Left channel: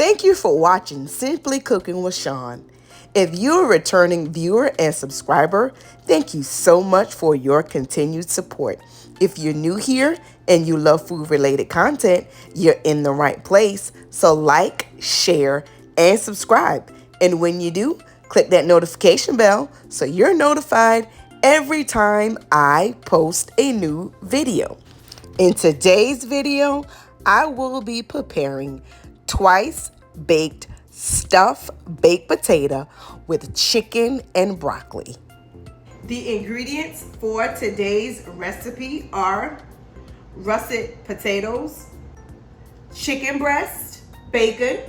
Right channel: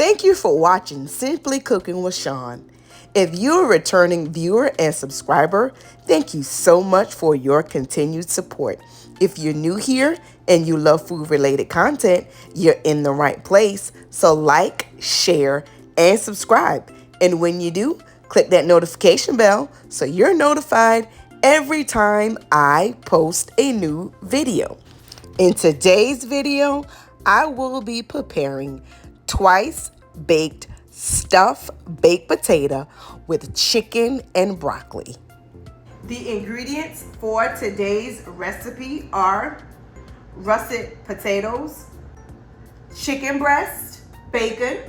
Thank you for watching Simply Cooking with Shawn. If you're a returning viewer and subscriber, thank you so much for your continued support. If you're new here and you love food-related content, you're in the right place. So like, share, and subscribe. And when you do, click that notification bell so you're notified every time I post a new video. In today's video, I will be preparing twice baked stuffed baked potato with chicken and broccoli. The ingredients for today's recipe are russet potatoes, chicken breast, bacon,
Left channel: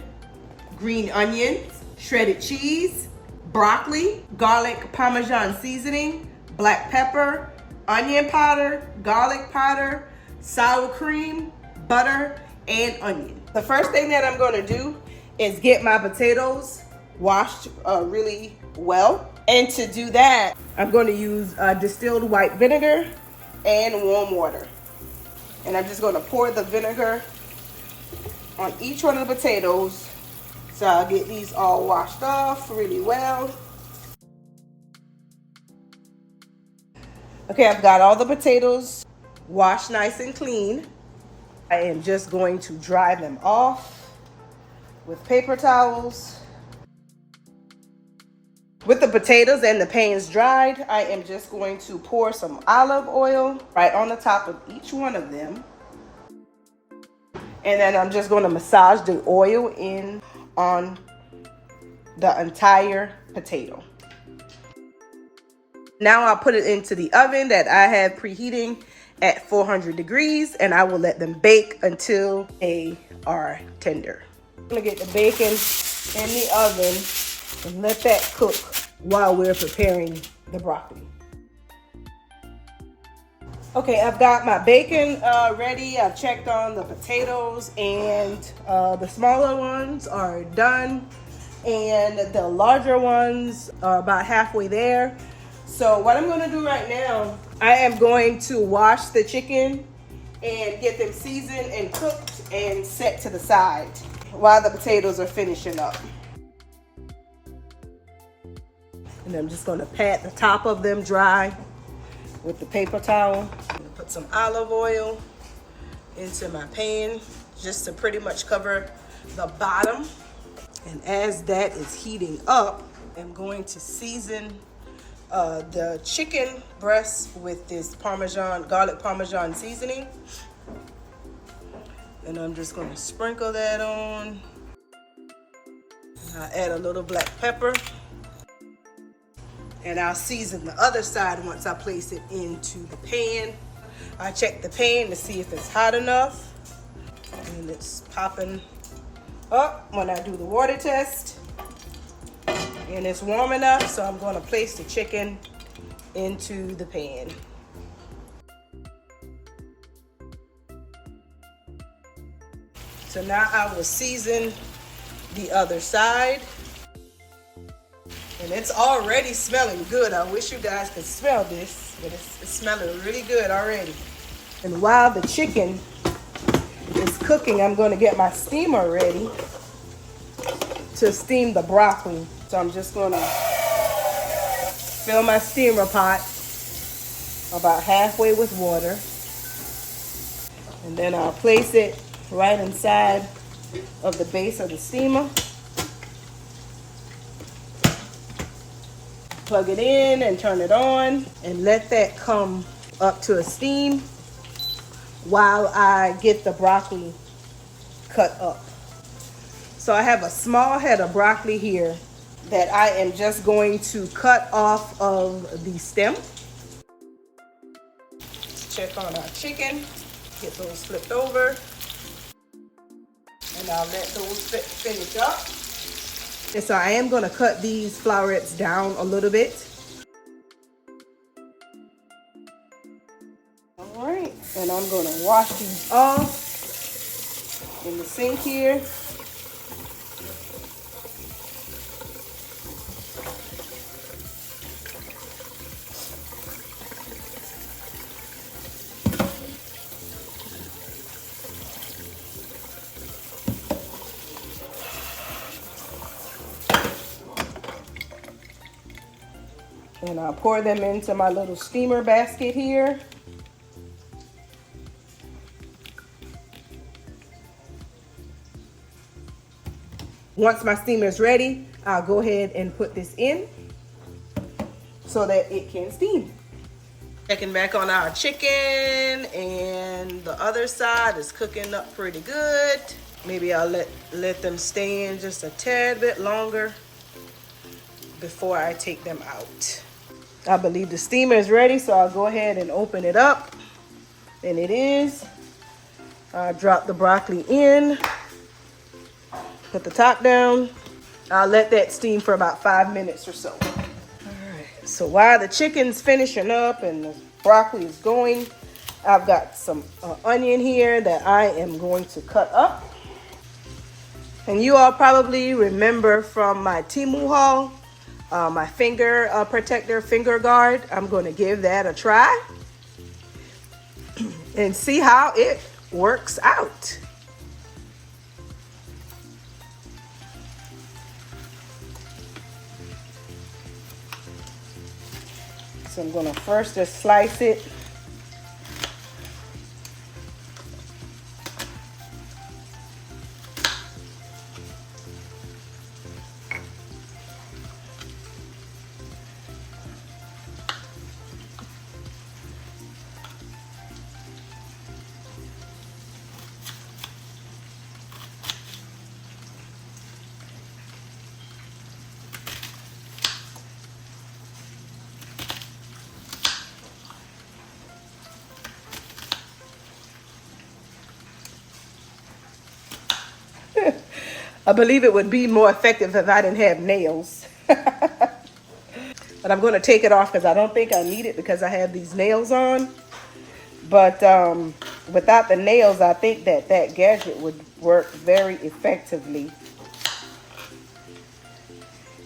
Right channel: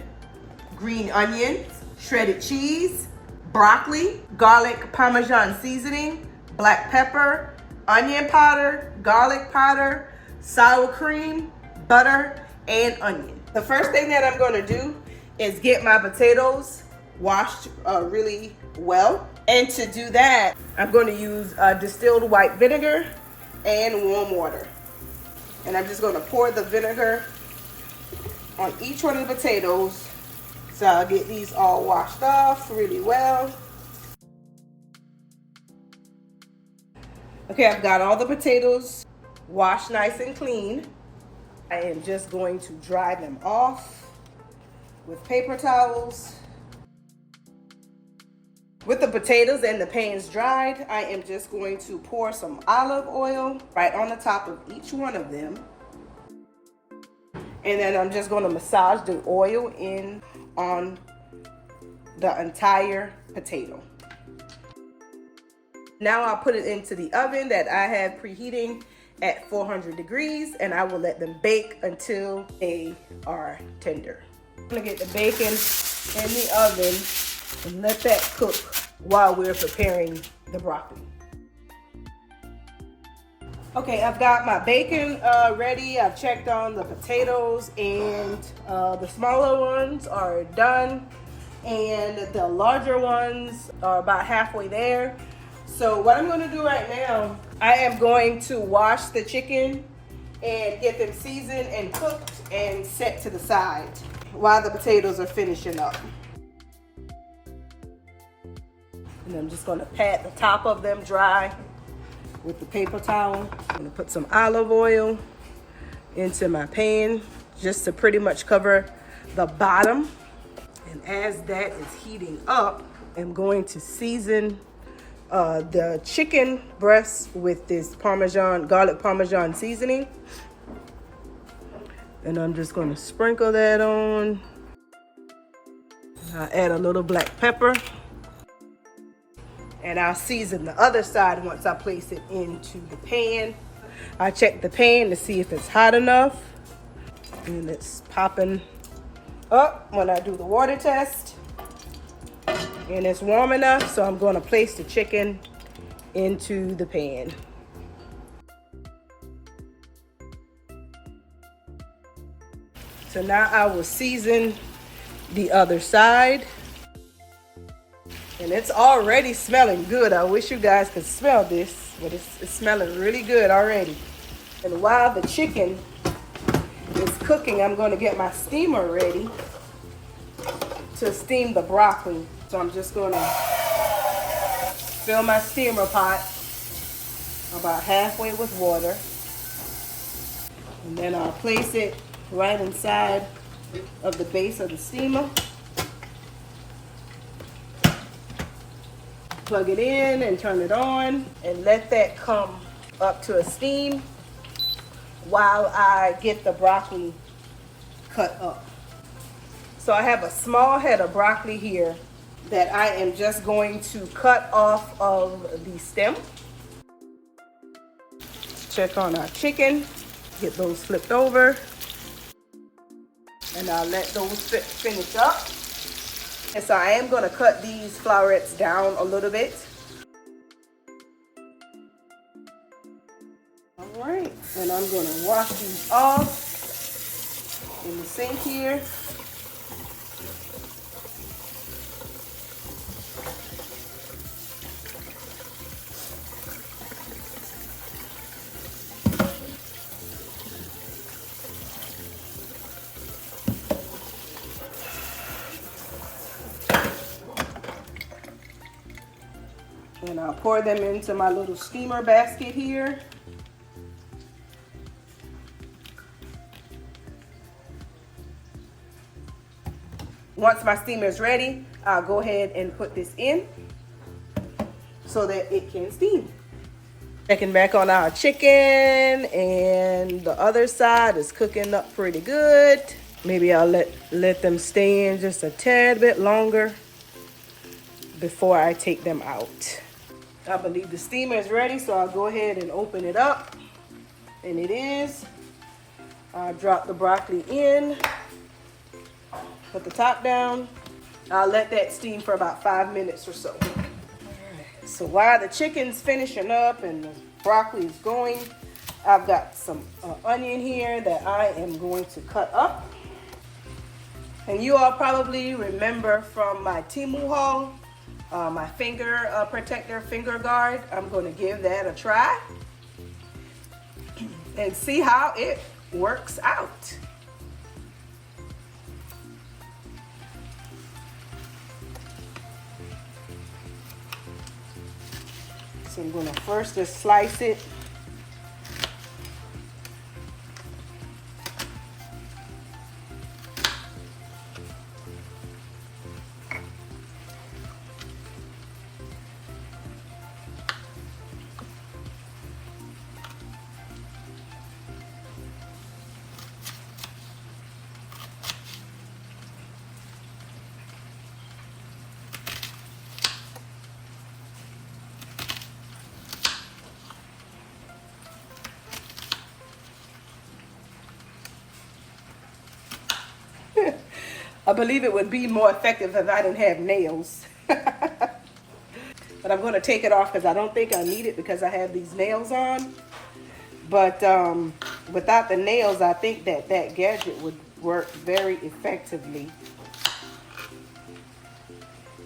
green onions, shredded cheese, broccoli, garlic Parmesan seasoning, black pepper, onion powder, garlic powder, sour cream, butter, and onion. The first thing that I'm going to do is get my potatoes washed really well. And to do that, I'm going to use distilled white vinegar and warm water. And I'm just going to pour the vinegar on each one of the potatoes. So I'll get these all washed off really well. Okay, I've got all the potatoes washed nice and clean. I am just going to dry them off with paper towels. With the potatoes and the pans dried, I am just going to pour some olive oil right on the top of each one of them. And then I'm just going to massage the oil in on the entire potato. Now I'll put it into the oven that I have preheating at 400 degrees, and I will let them bake until they are tender. I'm gonna get the bacon in the oven and let that cook while we're preparing the broccoli. Okay, I've got my bacon ready. I've checked on the potatoes, and the smaller ones are done, and the larger ones are about halfway there. So what I'm going to do right now, I am going to wash the chicken and get them seasoned and cooked and set to the side while the potatoes are finishing up. And I'm just going to pat the top of them dry with the paper towel. I'm going to put some olive oil into my pan just to pretty much cover the bottom. And as that is heating up, I'm going to season the chicken breast with this garlic Parmesan seasoning. And I'm just going to sprinkle that on. I add a little black pepper. And I'll season the other side once I place it into the pan. I check the pan to see if it's hot enough. And it's popping up when I do the water test. And it's warm enough, so I'm going to place the chicken into the pan. So now I will season the other side. And it's already smelling good. I wish you guys could smell this, but it's smelling really good already. And while the chicken is cooking, I'm going to get my steamer ready to steam the broccoli. So I'm just going to fill my steamer pot about halfway with water. And then I'll place it right inside of the base of the steamer. Plug it in and turn it on and let that come up to a steam while I get the broccoli cut up. So I have a small head of broccoli here that I am just going to cut off of the stem. Check on our chicken, get those flipped over, and I'll let those finish up. And so I am going to cut these florets down a little bit. All right, and I'm going to wash these off in the sink here. And I'll pour them into my little steamer basket here. Once my steamer is ready, I'll go ahead and put this in so that it can steam. Checking back on our chicken, and the other side is cooking up pretty good. Maybe I'll let them stay in just a tad bit longer before I take them out. I believe the steamer is ready, so I'll go ahead and open it up. And it is. I'll drop the broccoli in. Put the top down. I'll let that steam for about 5 minutes or so. All right. So while the chicken's finishing up and the broccoli is going, I've got some onion here that I am going to cut up. And you all probably remember from my Temu haul, my finger protector, finger guard. I'm going to give that a try and see how it works out. So I'm going to first just slice it. I believe it would be more effective if I didn't have nails. But I'm going to take it off because I don't think I need it because I have these nails on. But without the nails, I think that gadget would work very effectively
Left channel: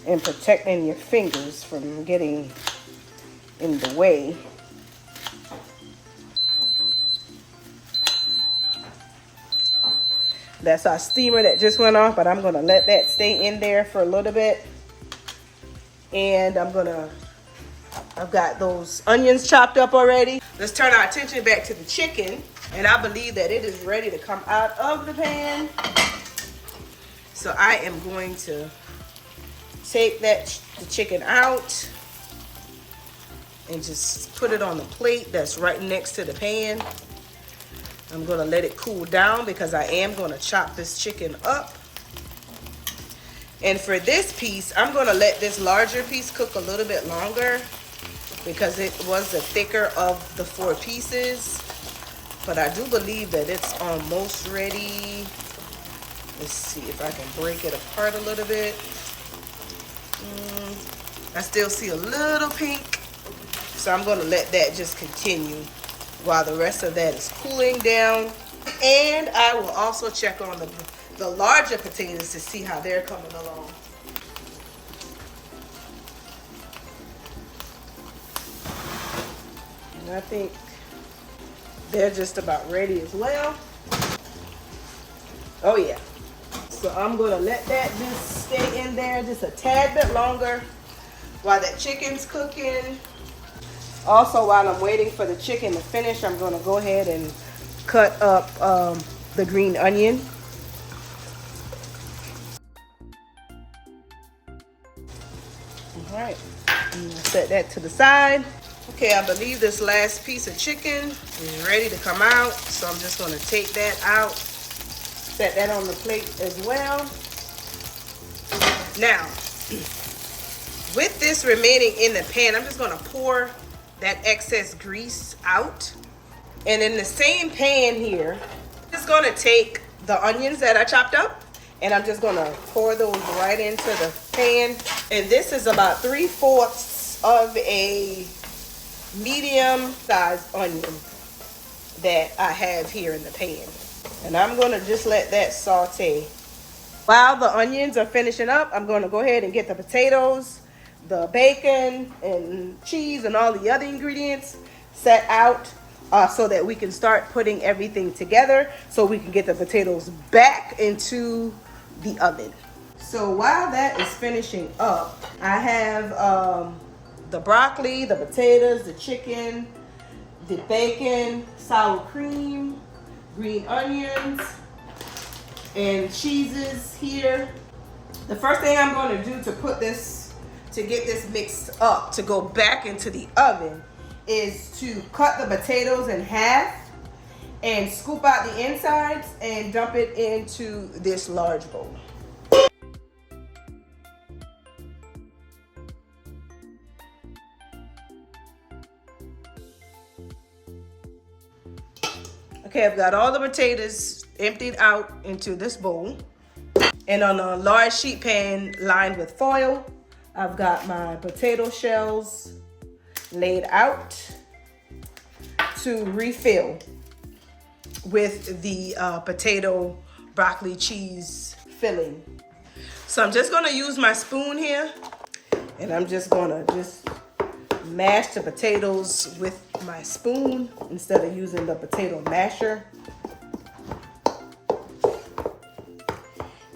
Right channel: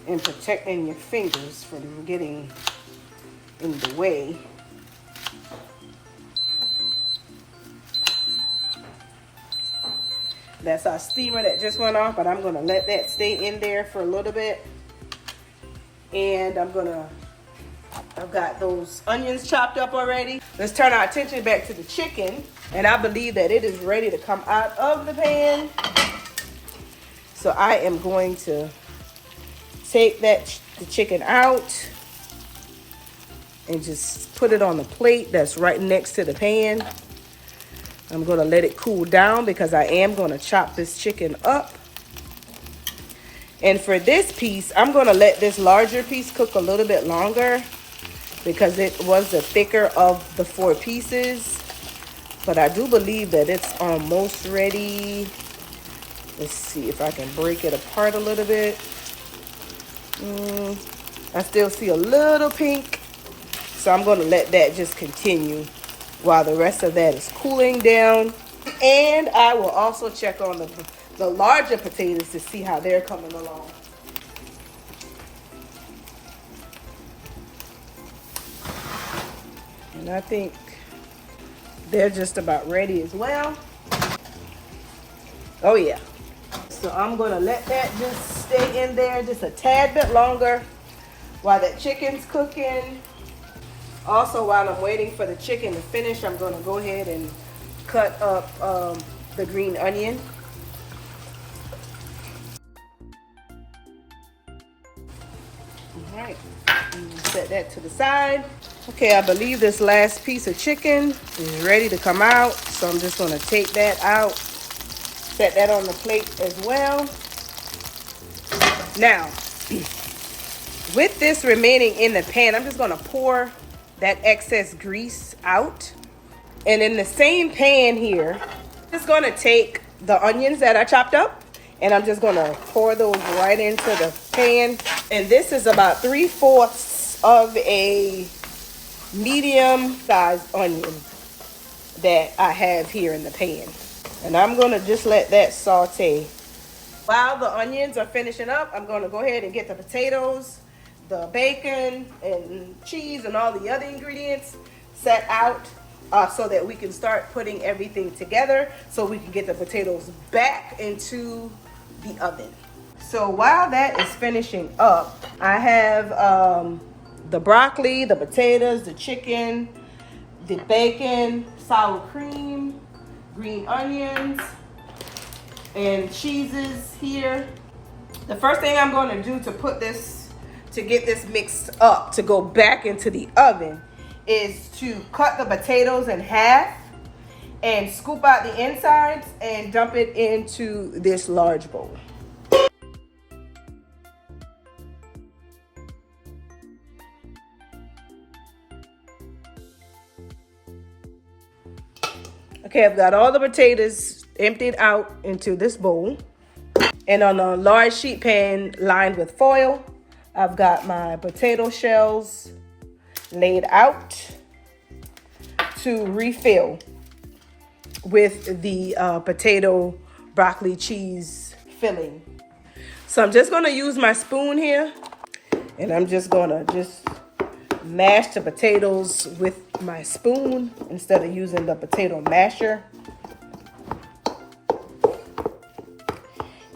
in protecting your fingers from getting in the way. That's our steamer that just went off, but I'm gonna let that stay in there for a little bit. And I've got those onions chopped up already. Let's turn our attention back to the chicken. And I believe that it is ready to come out of the pan. So I am going to take the chicken out and just put it on the plate that's right next to the pan. I'm going to let it cool down because I am going to chop this chicken up. And for this piece, I'm going to let this larger piece cook a little bit longer because it was the thicker of the 4 pieces. But I do believe that it's almost ready. Let's see if I can break it apart a little bit. I still see a little pink. So I'm going to let that just continue while the rest of that is cooling down. And I will also check on the larger potatoes to see how they're coming along. And I think they're just about ready as well. Oh yeah. So I'm gonna let that just stay in there just a tad bit longer while that chicken's cooking. Also, while I'm waiting for the chicken to finish, I'm going to go ahead and cut up the green onion. All right, I'm going to set that to the side. Okay, I believe this last piece of chicken is ready to come out. So I'm just going to take that out, set that on the plate as well. Now, with this remaining in the pan, I'm just going to pour that excess grease out. And in the same pan here, I'm just going to take the onions that I chopped up and I'm just going to pour those right into the pan. And this is about 3/4 of a medium sized onion that I have here in the pan. And I'm going to just let that saute. While the onions are finishing up, I'm going to go ahead and get the potatoes, the bacon and cheese and all the other ingredients set out so that we can start putting everything together so we can get the potatoes back into the oven. So while that is finishing up, I have the broccoli, the potatoes, the chicken, the bacon, sour cream, green onions, and cheeses here. The first thing I'm going to do to get this mixed up, to go back into the oven, is to cut the potatoes in half and scoop out the insides and dump it into this large bowl. Okay, I've got all the potatoes emptied out into this bowl. And on a large sheet pan lined with foil, I've got my potato shells laid out to refill with the potato broccoli cheese filling. So I'm just gonna use my spoon here, and I'm just gonna mash the potatoes with my spoon instead of using the potato masher.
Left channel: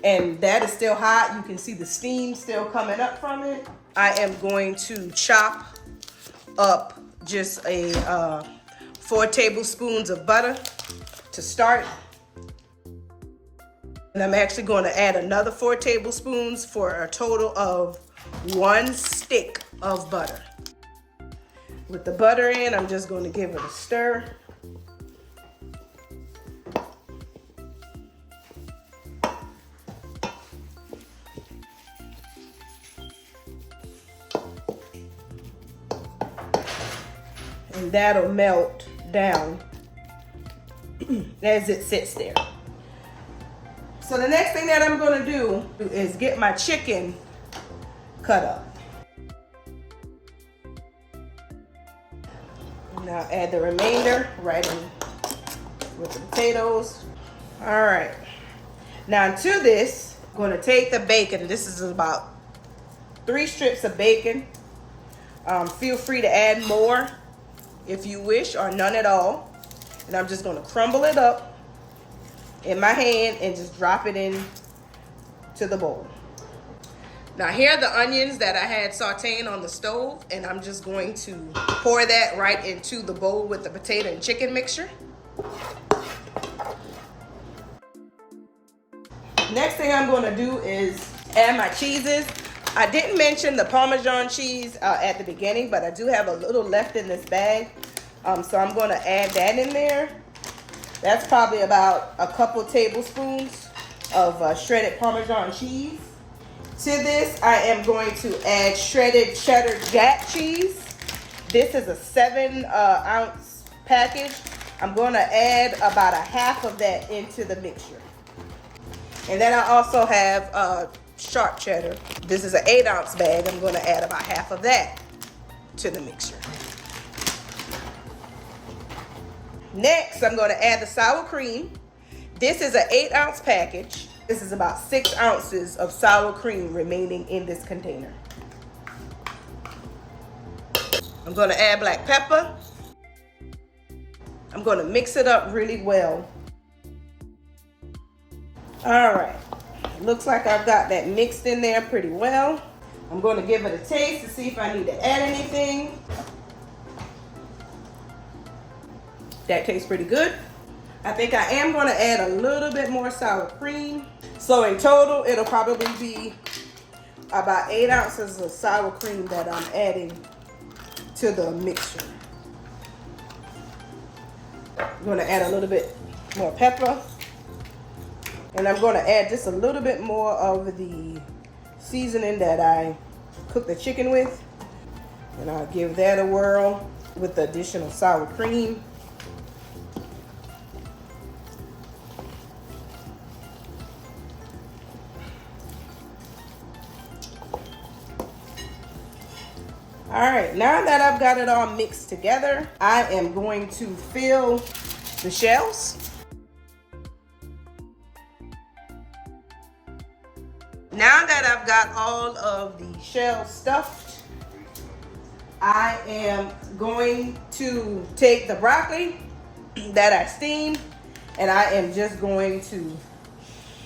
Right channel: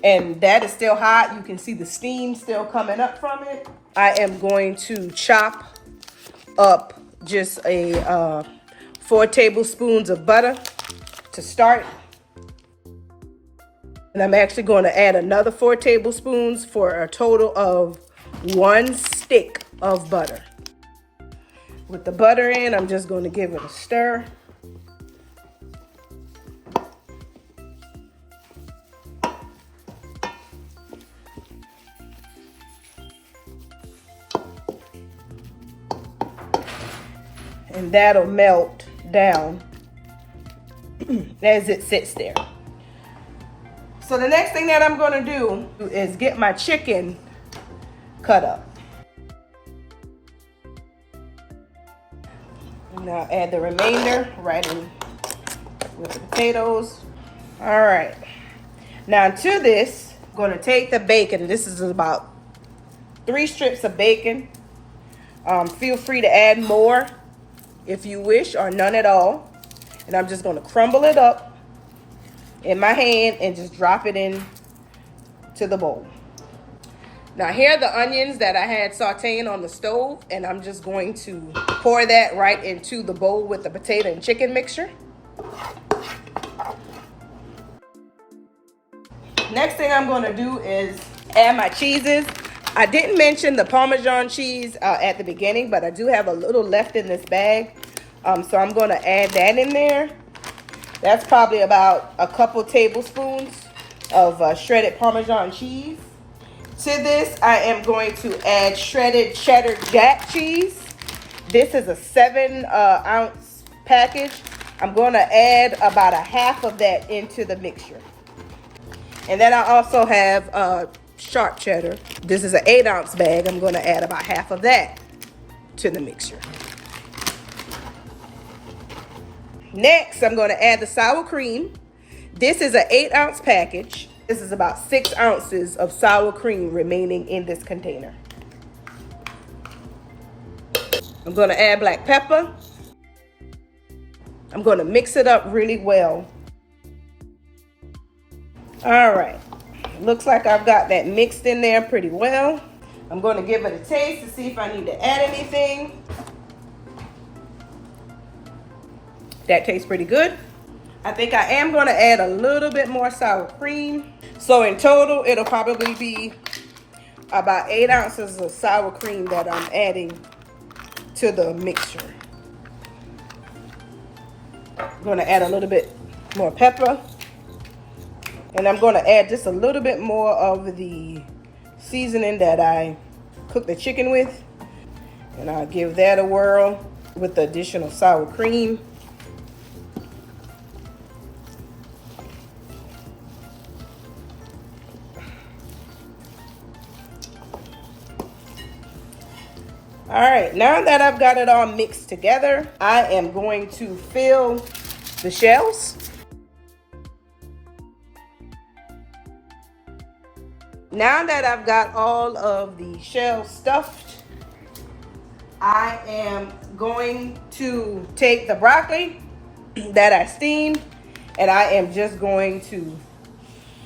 And that is still hot. You can see the steam still coming up from it. I am going to chop up just 4 tablespoons of butter to start. And I'm actually going to add another 4 tablespoons for a total of 1 stick of butter. With the butter in, I'm just going to give it a stir. And that'll melt down as it sits there. So the next thing that I'm going to do is get my chicken cut up. Now add the remainder right in with the potatoes. All right. Now to this, I'm going to take the bacon. This is about 3 strips of bacon. Feel free to add more if you wish, or none at all. And I'm just going to crumble it up in my hand and just drop it in to the bowl. Now here are the onions that I had sauteing on the stove, and I'm just going to pour that right into the bowl with the potato and chicken mixture. Next thing I'm going to do is add my cheeses. I didn't mention the Parmesan cheese at the beginning, but I do have a little left in this bag. So I'm going to add that in there. That's probably about a couple tablespoons of shredded Parmesan cheese. To this, I am going to add shredded cheddar Jack cheese. This is a 7-ounce package. I'm going to add about 1/2 of that into the mixture. And then I also have sharp cheddar. This is an 8-ounce bag. I'm going to add about 1/2 of that to the mixture. Next, I'm going to add the sour cream. This is an 8-ounce package. This is about 6 ounces of sour cream remaining in this container. I'm going to add black pepper. I'm going to mix it up really well. All right. Looks like I've got that mixed in there pretty well. I'm going to give it a taste to see if I need to add anything. That tastes pretty good. I think I am going to add a little bit more sour cream. So in total, it'll probably be about 8 ounces of sour cream that I'm adding to the mixture. I'm going to add a little bit more pepper. And I'm going to add just a little bit more of the seasoning that I cooked the chicken with. And I'll give that a whirl with the additional sour cream. All right, now that I've got it all mixed together, I am going to fill the shells. Now that I've got all of the shells stuffed, I am going to take the broccoli that I steamed, and I am just going to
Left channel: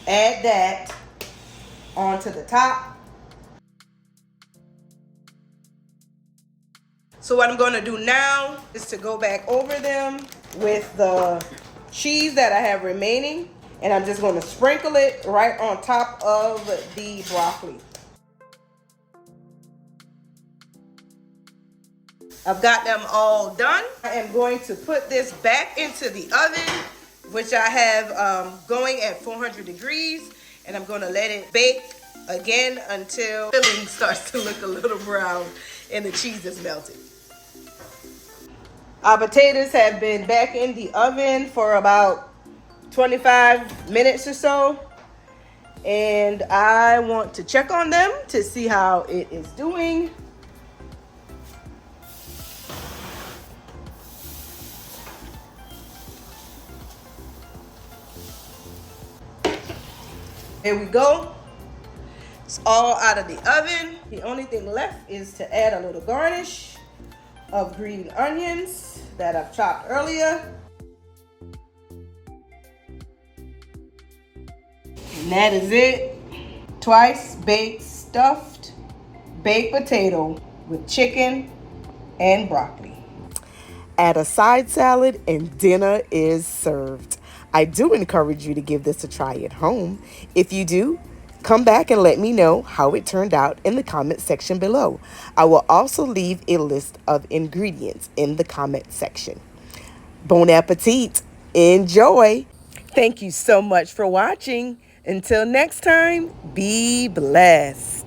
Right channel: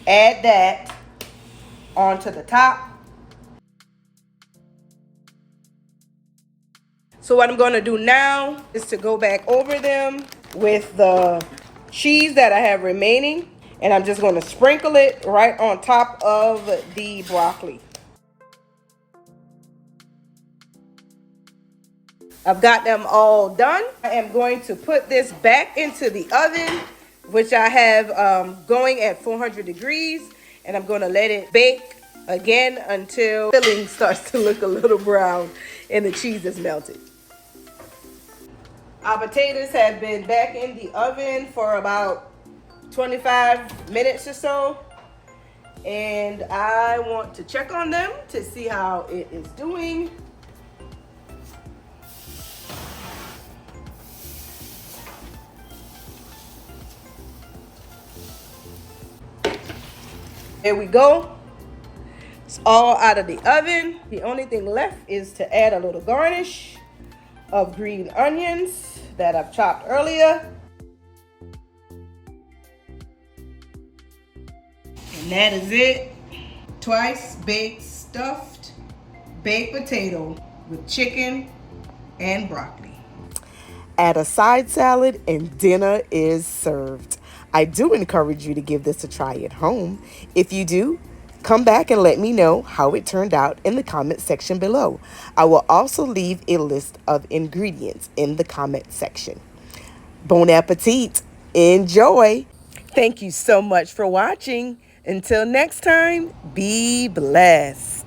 add that onto the top. So what I'm going to do now is to go back over them with the cheese that I have remaining. And I'm just going to sprinkle it right on top of the broccoli. I've got them all done. I am going to put this back into the oven, which I have going at 400 degrees. And I'm going to let it bake again until the filling starts to look a little brown and the cheese is melted. Our potatoes have been back in the oven for about 25 minutes or so. And I want to check on them to see how it is doing. There we go. It's all out of the oven. The only thing left is to add a little garnish of green onions that I've chopped earlier. And that is it. Twice baked stuffed baked potato with chicken and broccoli. Add a side salad and dinner is served. I do encourage you to give this a try at home. If you do, come back and let me know how it turned out in the comment section below. I will also leave a list of ingredients in the comment section. Bon appetit. Enjoy. Thank you so much for watching. Until next time, be blessed.